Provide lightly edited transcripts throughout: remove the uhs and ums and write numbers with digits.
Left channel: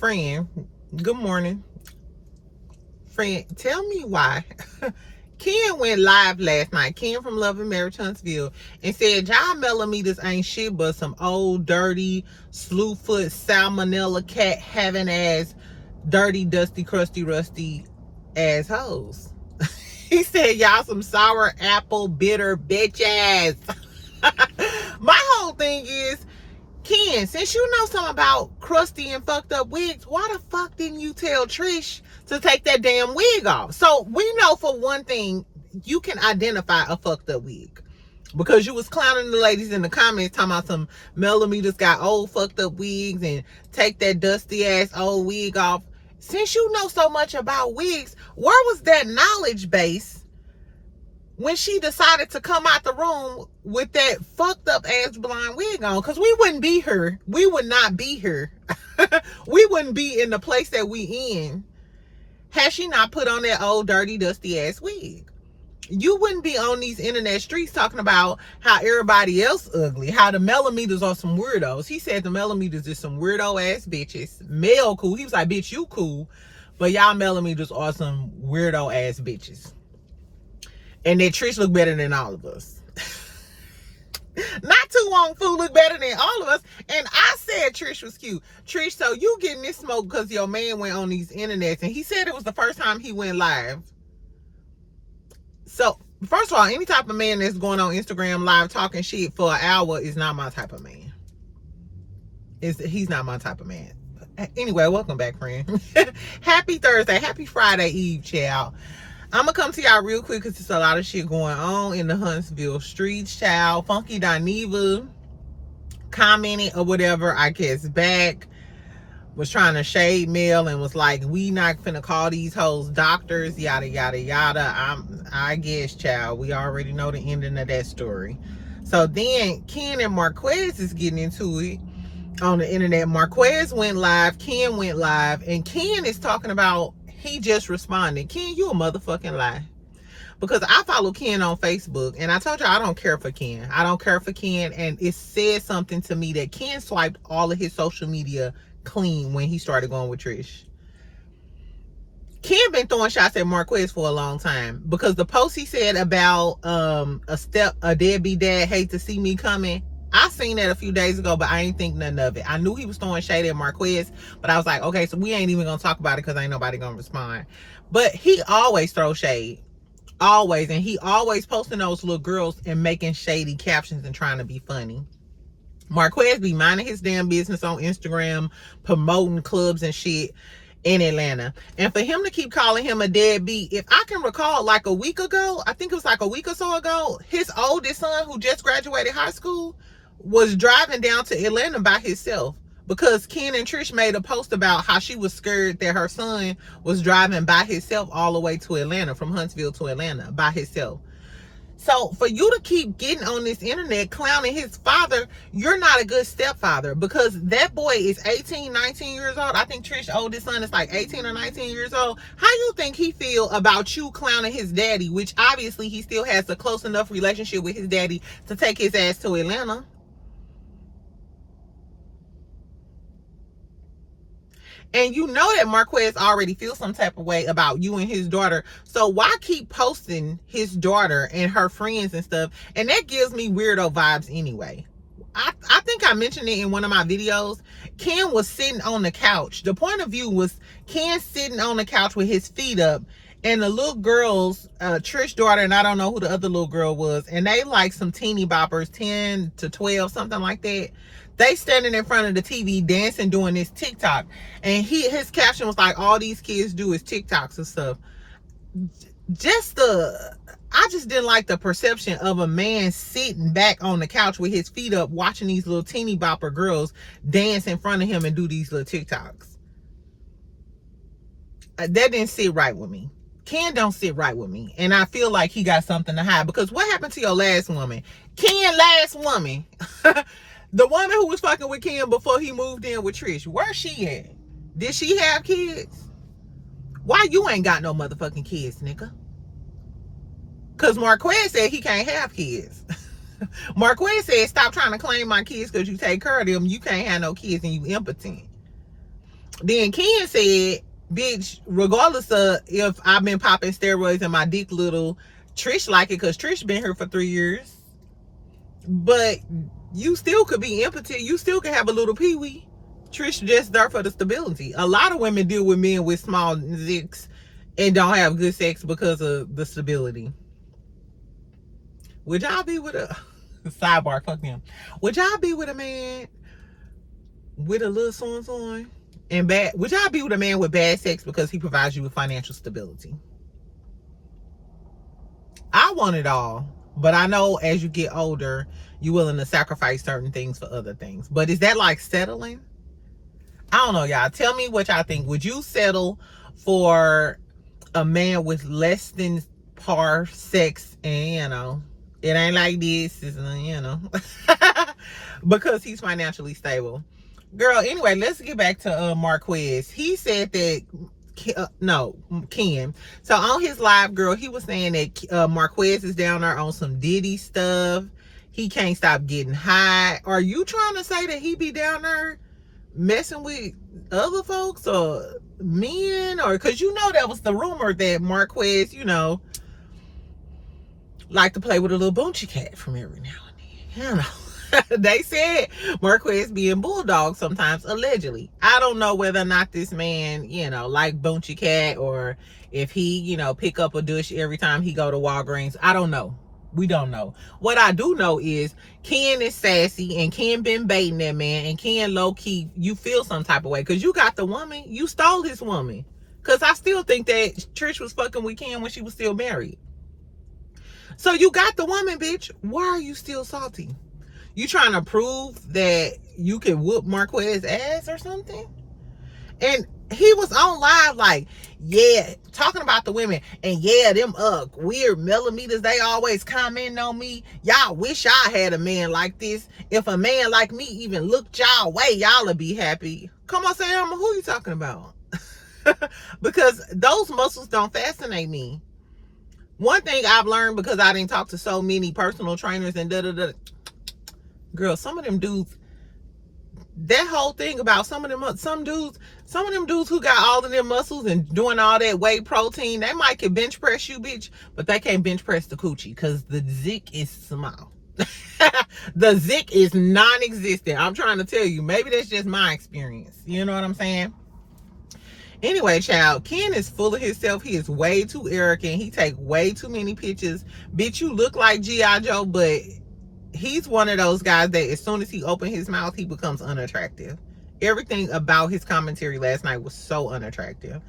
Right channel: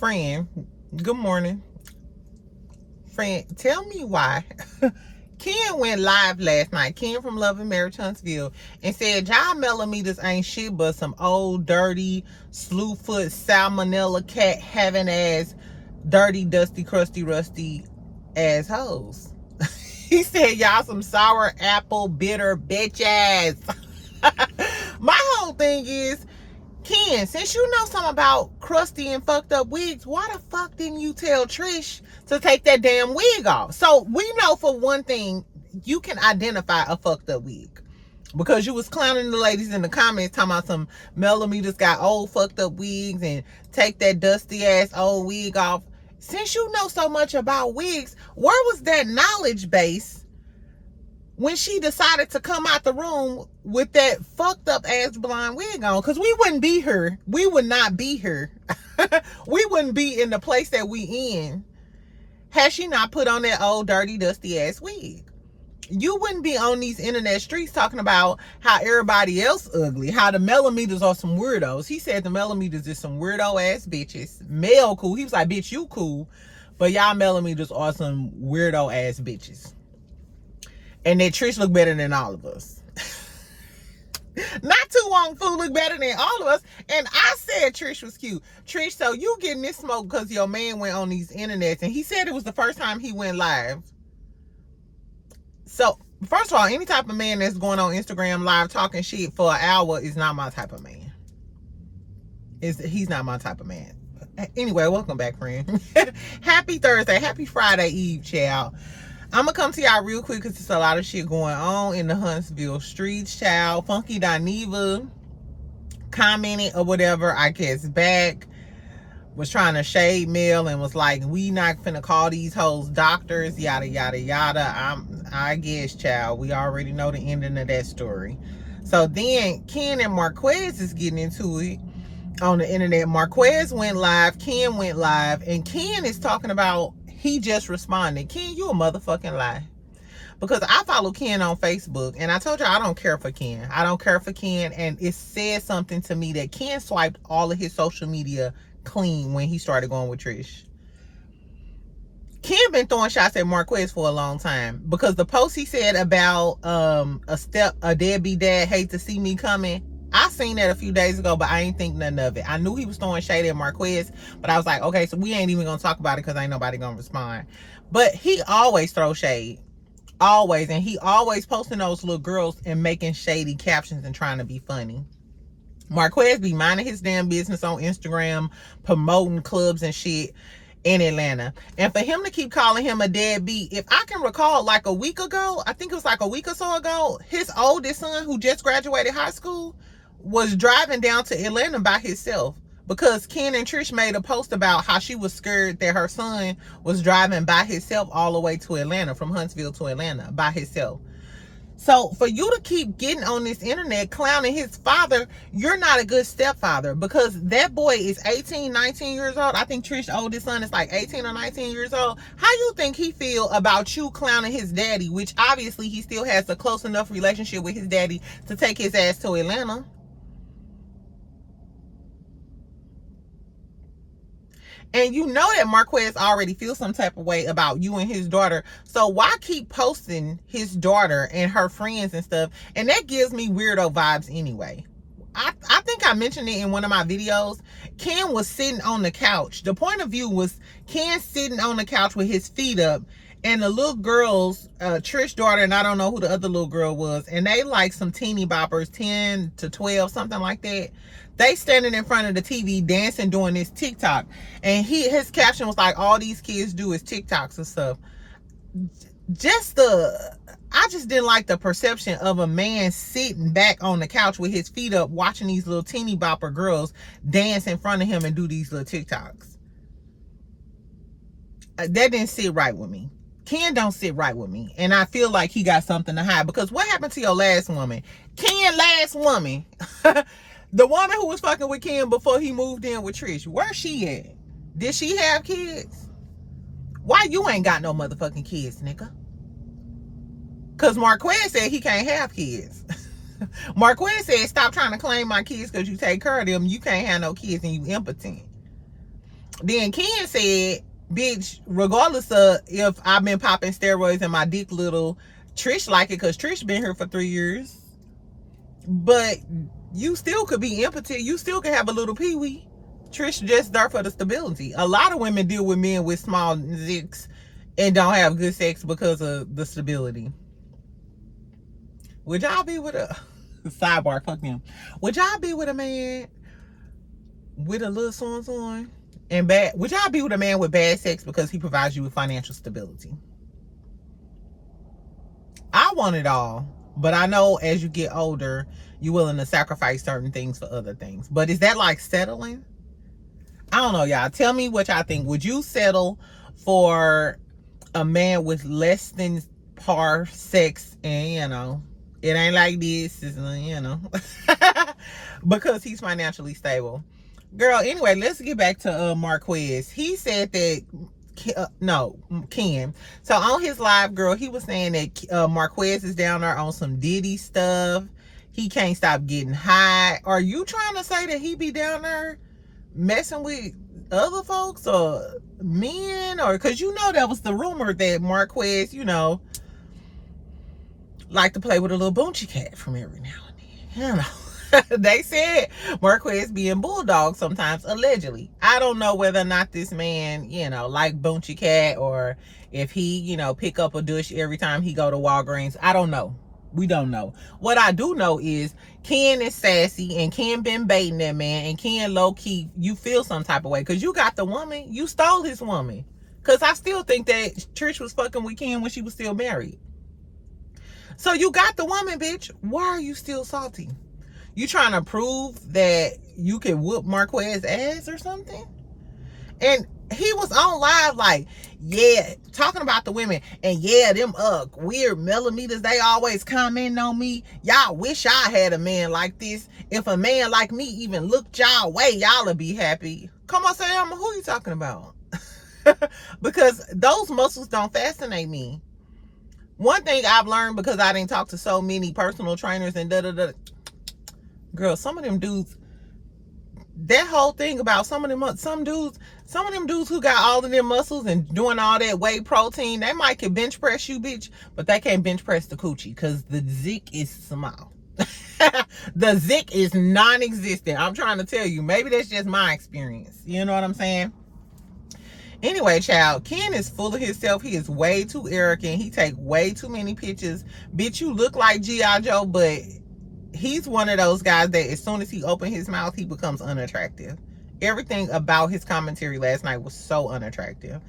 Friend, good morning. Friend, tell me why. Ken went live last night. Ken from Love and Marriage Huntsville, and said y'all Melometers ain't shit but some old, dirty, slewfoot, salmonella cat having ass, dirty, dusty, crusty, rusty assholes. He said y'all some sour apple bitter bitches. My whole thing is, Ken, since you know something about crusty and fucked up wigs, why the fuck didn't you tell Trish to take that damn wig off? So we know for one thing, you can identify a fucked up wig. Because you was clowning the ladies in the comments talking about some Melometers got old fucked up wigs and take that dusty ass old wig off. Since you know so much about wigs, where was that knowledge base when she decided to come out the room with that fucked up ass blonde wig on? Because we wouldn't be here. We would not be here. We wouldn't be in the place that we in had she not put on that old dirty dusty ass wig. You wouldn't be on these internet streets talking about how everybody else ugly, how the Melometers are some weirdos. He said the Melometers is some weirdo ass bitches. Mel cool. He was like, bitch, you cool, but y'all Melometers are some weirdo ass bitches. And that Trish look better than all of us. Not too long food look better than all of us. And I said Trish was cute. Trish, so you getting this smoke because your man went on these internets and he said it was the first time he went live. So, first of all, any type of man that's going on Instagram live talking shit for an hour is not my type of man. He's not my type of man. Anyway, welcome back, friend. Happy Thursday. Happy Friday Eve, child. I'm going to come to y'all real quick because there's a lot of shit going on in the Huntsville streets, child. Funky Dineva commented or whatever, I guess, back. Was trying to shade Mel and was like, we not finna call these hoes doctors, yada, yada, yada. I guess, child, we already know the ending of that story. So then Ken and Marquez is getting into it on the internet. Marquez went live, Ken went live, and Ken is talking about he just responded. Ken, you a motherfucking lie. Because I follow Ken on Facebook, and I told you I don't care for Ken. I don't care for Ken, and it said something to me that Ken swiped all of his social media clean when he started going with Trish. Ken been throwing shots at Marquez for a long time because the post he said about a deadbeat dad hate to see me coming, I seen that a few days ago, but I ain't think nothing of it. I knew he was throwing shade at Marquez, but I was like, okay, so we ain't even gonna talk about it because ain't nobody gonna respond. But he always throws shade. Always. And he always posting those little girls and making shady captions and trying to be funny. Marquez be minding his damn business on Instagram, promoting clubs and shit in Atlanta. And for him to keep calling him a deadbeat, if I can recall, like a week ago, I think it was like a week or so ago, his oldest son, who just graduated high school, was driving down to Atlanta by himself because Ken and Trish made a post about how she was scared that her son was driving by himself all the way to Atlanta, from Huntsville to Atlanta by himself. So for you to keep getting on this internet clowning his father, you're not a good stepfather, because that boy is 18, 19 years old. I think Trish's oldest son is like 18 or 19 years old. How you think he feel about you clowning his daddy, which obviously he still has a close enough relationship with his daddy to take his ass to Atlanta? And you know that Marquez already feels some type of way about you and his daughter. So why keep posting his daughter and her friends and stuff? And that gives me weirdo vibes anyway. I think I mentioned it in one of my videos. Ken was sitting on the couch. The point of view was Ken sitting on the couch with his feet up. And the little girls, Trish's daughter, and I don't know who the other little girl was, and they like some teeny boppers, 10 to 12, something like that. They standing in front of the TV dancing, doing this TikTok. And his caption was like, all these kids do is TikToks and stuff. I just didn't like the perception of a man sitting back on the couch with his feet up, watching these little teeny bopper girls dance in front of him and do these little TikToks. That didn't sit right with me. Ken don't sit right with me. And I feel like he got something to hide. Because what happened to your last woman? Ken last woman. The woman who was fucking with Ken before he moved in with Trish. Where's she at? Did she have kids? Why you ain't got no motherfucking kids, nigga? Because Marquez said he can't have kids. Marquez said, stop trying to claim my kids because you take care of them. You can't have no kids and you impotent. Then Ken said, bitch, regardless of if I've been popping steroids and my dick little, Trish like it because Trish been here for 3 years. But you still could be impotent. You still can have a little pee-wee. Trish just there for the stability. A lot of women deal with men with small zicks and don't have good sex because of the stability. Would y'all be with a sidebar? Fuck him. Would y'all be with a man with a little son and bad? Would y'all be with a man with bad sex because he provides you with financial stability? I want it all, but I know as you get older, you're willing to sacrifice certain things for other things. But is that like settling? I don't know, y'all. Tell me what y'all think. Would you settle for a man with less than par sex and, you know, it ain't like this, it's, you know, because he's financially stable? Girl, anyway, let's get back to Marquez. He said that, Ken. So on his live, girl, he was saying that Marquez is down there on some Diddy stuff. He can't stop getting high. Are you trying to say that he be down there messing with other folks or men? Or because you know that was the rumor that Marquez, you know, like to play with a little boonchie cat from every now and then. You know, they said Marquez being bulldog sometimes, allegedly. I don't know whether or not this man, you know, like boonchie cat, or if he, you know, pick up a douche every time he go to Walgreens. I don't know. We don't know. What I do know is Ken is sassy and Ken been baiting that man, and Ken low-key, you feel some type of way because you got the woman. You stole his woman. Because I still think that Trish was fucking with Ken when she was still married. So you got the woman, bitch. Why are you still salty? You trying to prove that you can whoop Marquez ass or something? And he was on live like, yeah, talking about the women. And yeah, them weird Melometers, they always comment on me. Y'all wish I had a man like this. If a man like me even looked y'all way, y'all would be happy. Come on, Sam, who you talking about? Because those muscles don't fascinate me. One thing I've learned, because I didn't talk to so many personal trainers and girl, some of them dudes, that whole thing about some of them dudes who got all of their muscles and doing all that whey protein, they might can bench press you, bitch, but they can't bench press the coochie because the zick is small. The zick is non-existent. I'm trying to tell you, maybe that's just my experience. You know what I'm saying? Anyway, child, Ken is full of himself. He is way too arrogant. He take way too many pictures. Bitch, you look like G.I. Joe, but he's one of those guys that as soon as he opens his mouth, he becomes unattractive. Everything about his commentary last night was so unattractive.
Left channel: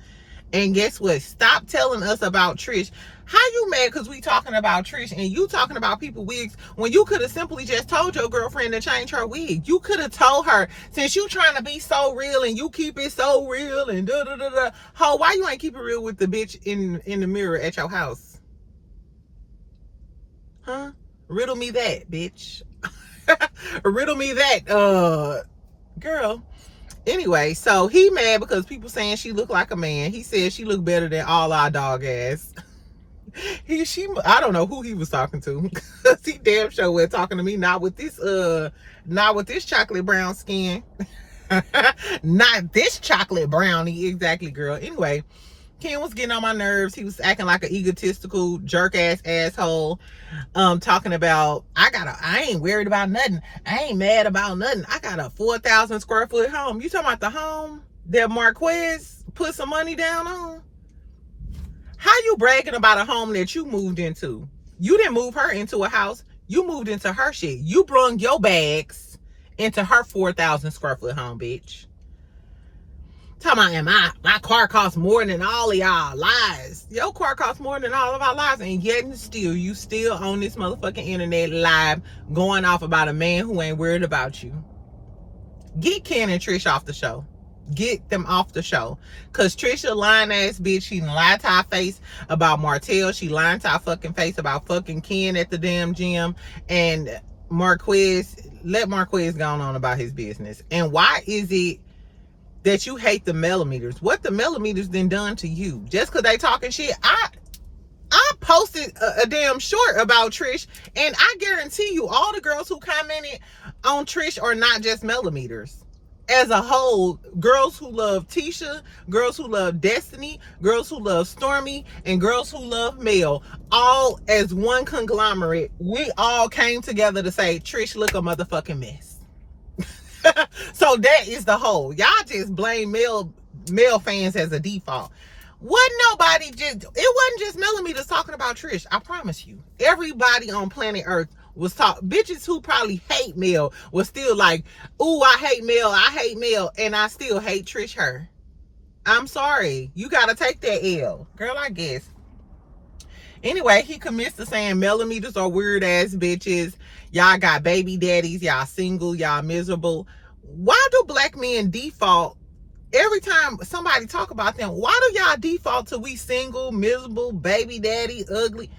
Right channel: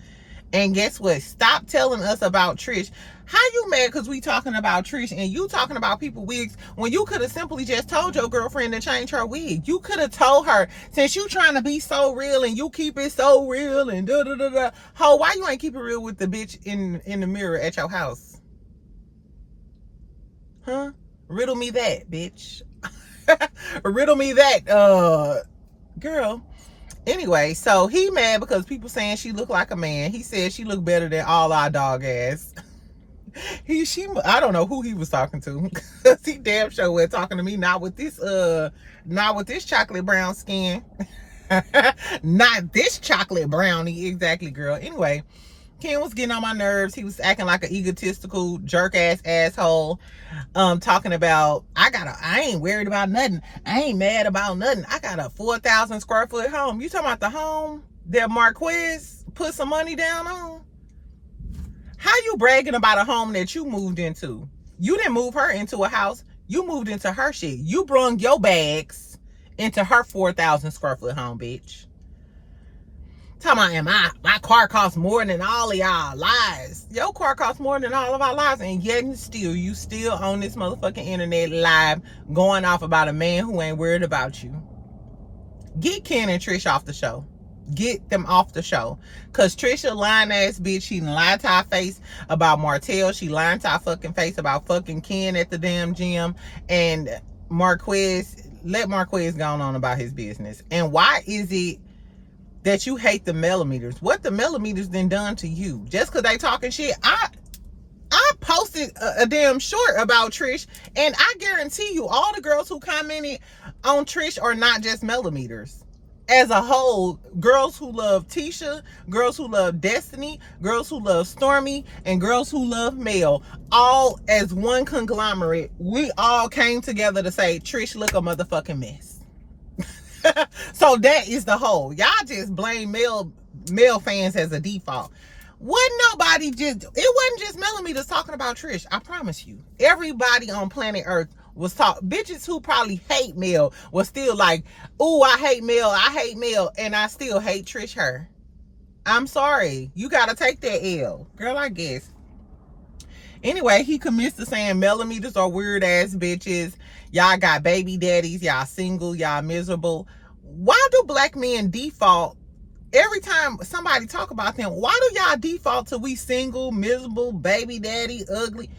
And guess what? Stop telling us about Trish. How you mad because we talking about Trish and you talking about people wigs when you could have simply just told your girlfriend to change her wig? You could have told her, since you trying to be so real and you keep it so real and da-da-da-da. Ho, why you ain't keep it real with the bitch in the mirror at your house? Huh? Riddle me that, bitch. Riddle me that, girl. Anyway, so he mad because people saying she look like a man. He said she look better than all our dog ass. I don't know who he was talking to. He damn sure was talking to me, not with this chocolate brown skin. Not this chocolate brownie, exactly, girl. Anyway, Ken was getting on my nerves. He was acting like an egotistical jerk ass asshole. Talking about I ain't worried about nothing. I ain't mad about nothing. I got a 4,000 square foot home. You talking about the home that Marquez put some money down on? How you bragging about a home that you moved into? You didn't move her into a house. You moved into her shit. You brung your bags into her 4,000 square foot home, bitch. Talking about, my car costs more than all of y'all. Lies. Your car costs more than all of our lives, and yet and still, you still on this motherfucking internet live going off about a man who ain't worried about you. Get Ken and Trish off the show. Get them off the show. Cause Trisha lying ass bitch, she lied to our face about Martell. She lied to our fucking face about fucking Ken at the damn gym. And Marquez, let Marquez go on about his business. And why is it that you hate the Melometers? What the Melometers then done to you? Just because they talking shit? I posted a damn short about Trish, and I guarantee you all the girls who commented on Trish are not just Melometers. as a whole, girls who love Tisha, girls who love Destiny, girls who love Stormy, and girls who love Mel, all as one conglomerate, we all came together to say, Trish look a motherfucking mess. So that is the whole. Y'all just blame male fans as a default. It wasn't just Melometers talking about Trish. I promise you. Everybody on planet Earth was talking. Bitches who probably hate Mel was still like, ooh, I hate Mel, and I still hate Trish her. I'm sorry. You gotta take that L. Girl, I guess. Anyway, he commits to saying Melometers are weird ass bitches. Y'all got baby daddies. Y'all single. Y'all miserable. Why do black men default every time somebody talk about them? Why do y'all default to we single, miserable, baby daddy, ugly?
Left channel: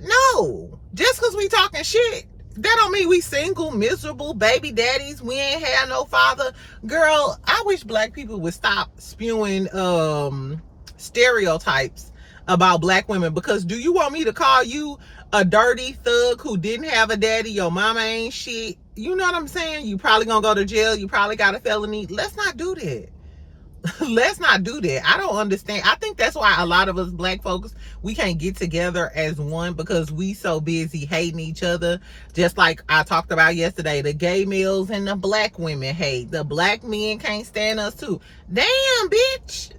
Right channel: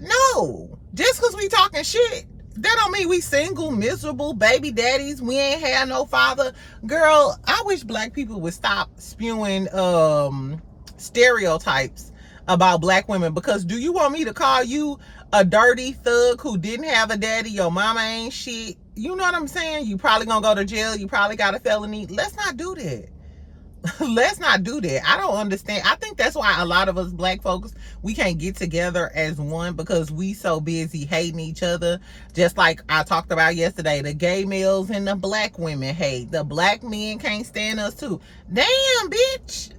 No. Just because we talking shit, that don't mean we single, miserable, baby daddies. We ain't had no father. Girl, I wish black people would stop spewing stereotypes about black women, because do you want me to call you a dirty thug who didn't have a daddy? Your mama ain't shit. You know what I'm saying? You probably gonna go to jail. You probably got a felony. Let's not do that. Let's not do that. I don't understand. I think that's why a lot of us black folks, we can't get together as one, because we so busy hating each other. Just like I talked about yesterday, the gay males and the black women hate. The black men can't stand us too. Damn, bitch.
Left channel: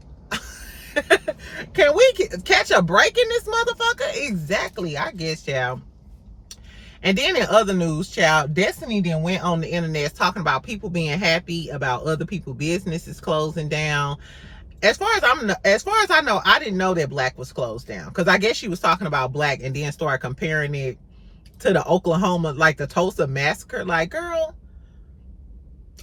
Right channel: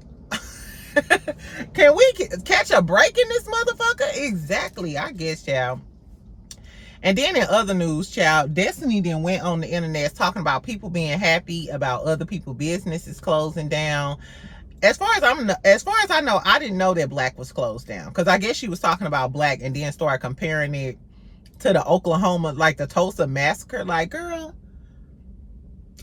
Can we catch a break in this motherfucker? Exactly, I guess, child. And then in other news, child, Destiny then went on the internet talking about people being happy about other people's businesses closing down. As far as I know, I didn't know that Blaque was closed down, because I guess she was talking about Blaque and then started comparing it to the Oklahoma, like the Tulsa massacre. Like, girl,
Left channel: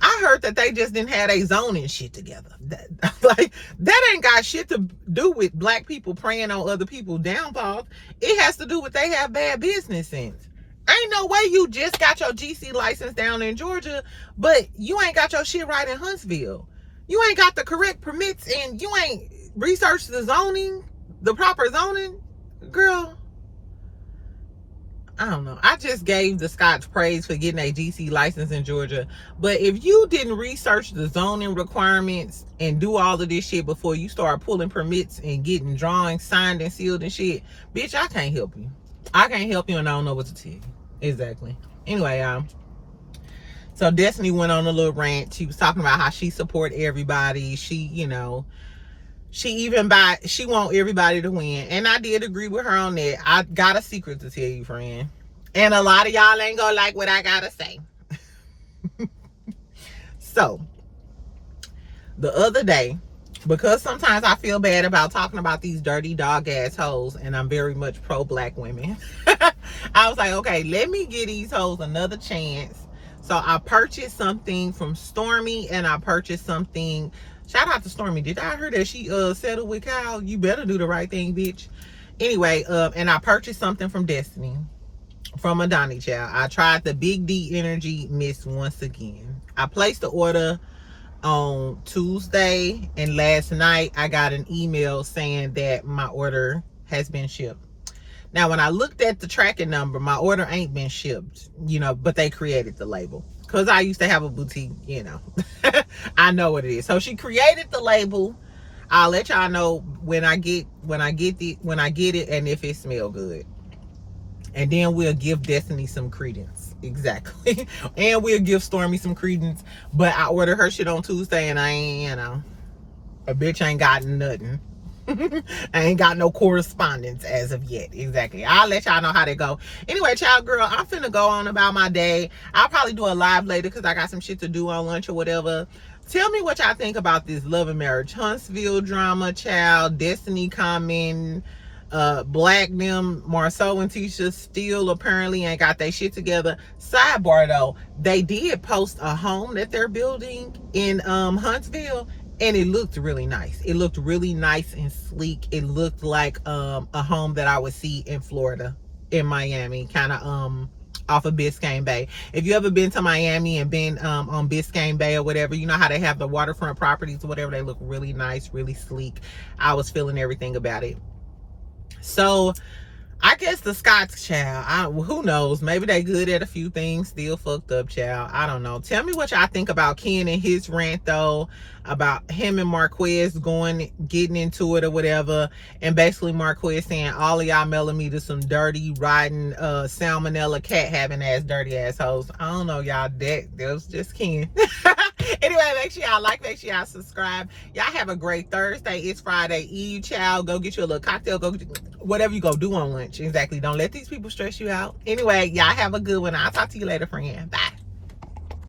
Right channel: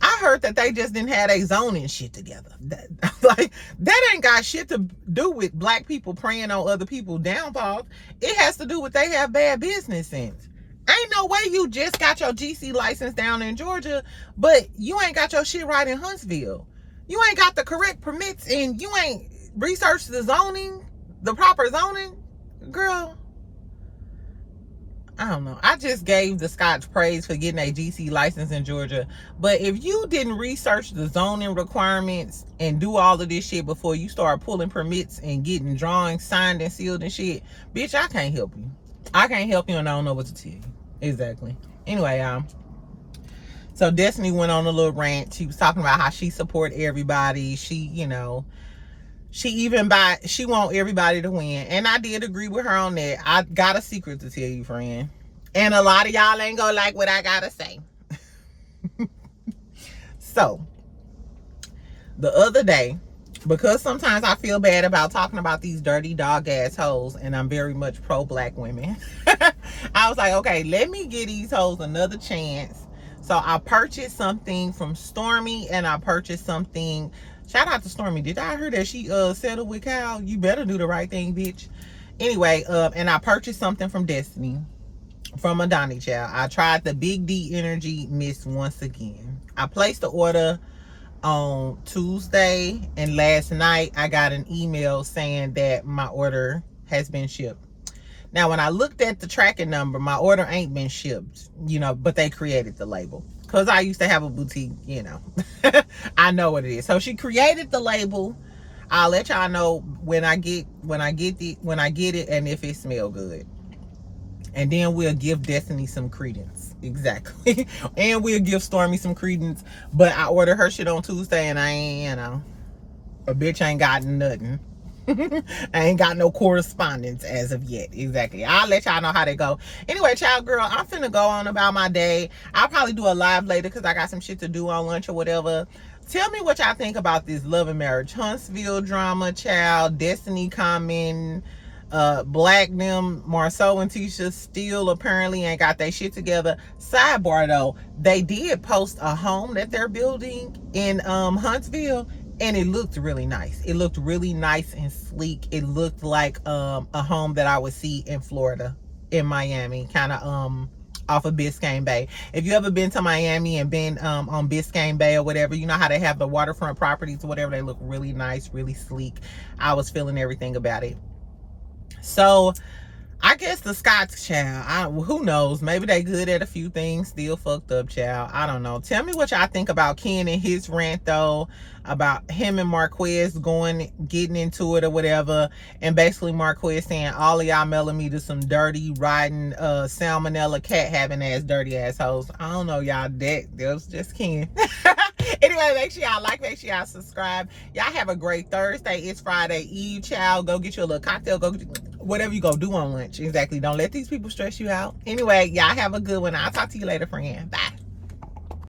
I heard that they just didn't have a zoning shit together. That ain't got shit to do with black people preying on other people's downfalls. It has to do with they have bad business sense. Ain't no way you just got your GC license down in Georgia, but you ain't got your shit right in Huntsville. You ain't got the correct permits, and you ain't researched the zoning, the proper zoning. Girl, I don't know. I just gave the Scotch praise for getting a GC license in Georgia. But if you didn't research the zoning requirements and do all of this shit before you start pulling permits and getting drawings signed and sealed and shit, bitch, I can't help you. I can't help you, and I don't know what to tell you. Exactly. Anyway, so Destiny went on a little rant. She was talking about how she support everybody. She want everybody to win. And I did agree with her on that. I got a secret to tell you, friend. And a lot of y'all ain't gonna like what I gotta say. So, the other day, because sometimes I feel bad about talking about these dirty dog assholes, and I'm very much pro black women, I was like, okay, let me give these hoes another chance. So I purchased something from Stormy, and I purchased something. Shout out to Stormy. Did I hear that she settled with Kyle? You better do the right thing, bitch. Anyway, and I purchased something from Destiny, from Adani, child. I tried the Big D Energy Mist once again. I placed the order on Tuesday, and last night I got an email saying that my order has been shipped. Now, when I looked at the tracking number, my order ain't been shipped, but they created the label. Because I used to have a boutique, I know what it is. So she created the label. I'll let y'all know when I get it, and if it smells good. And then we'll give Destiny some credence. Exactly. And we'll give Stormy some credence. But I ordered her shit on Tuesday, and I ain't, a bitch ain't gotten nothing. I ain't got no correspondence as of yet. Exactly. I'll let y'all know how they go. Anyway, child girl, I'm finna go on about my day. I'll probably do a live later because I got some shit to do on lunch or whatever. Tell me what y'all think about this Love and Marriage Huntsville drama, child. Destiny commenting, Blaque, them, Marsau and Tisha still apparently ain't got their shit together. Sidebar though, they did post a home that they're building in Huntsville, and it looked really nice. It looked really nice and sleek. It looked like a home that I would see in Florida, in Miami, kind of off of Biscayne Bay. If you ever been to Miami and been on Biscayne Bay or whatever, you know how they have the waterfront properties or whatever. They look really nice, really sleek. I was feeling everything about it. So I guess the Scots, child. Who knows? Maybe they good at a few things, still fucked up, child. I don't know. Tell me what y'all think about Ken and his rant, though, about him and Marquez getting into it or whatever, and basically Marquez saying all of y'all Melometers some dirty, rotten, salmonella, cat having ass, dirty assholes. I don't know, y'all. That was just Ken. Anyway, make sure y'all like, make sure y'all subscribe. Y'all have a great Thursday. It's Friday Eve, child. Go get you a little cocktail. Go get whatever you go do on lunch. Exactly. Don't let these people stress you out. Anyway, y'all have a good one. I'll talk to you later, friend. Bye.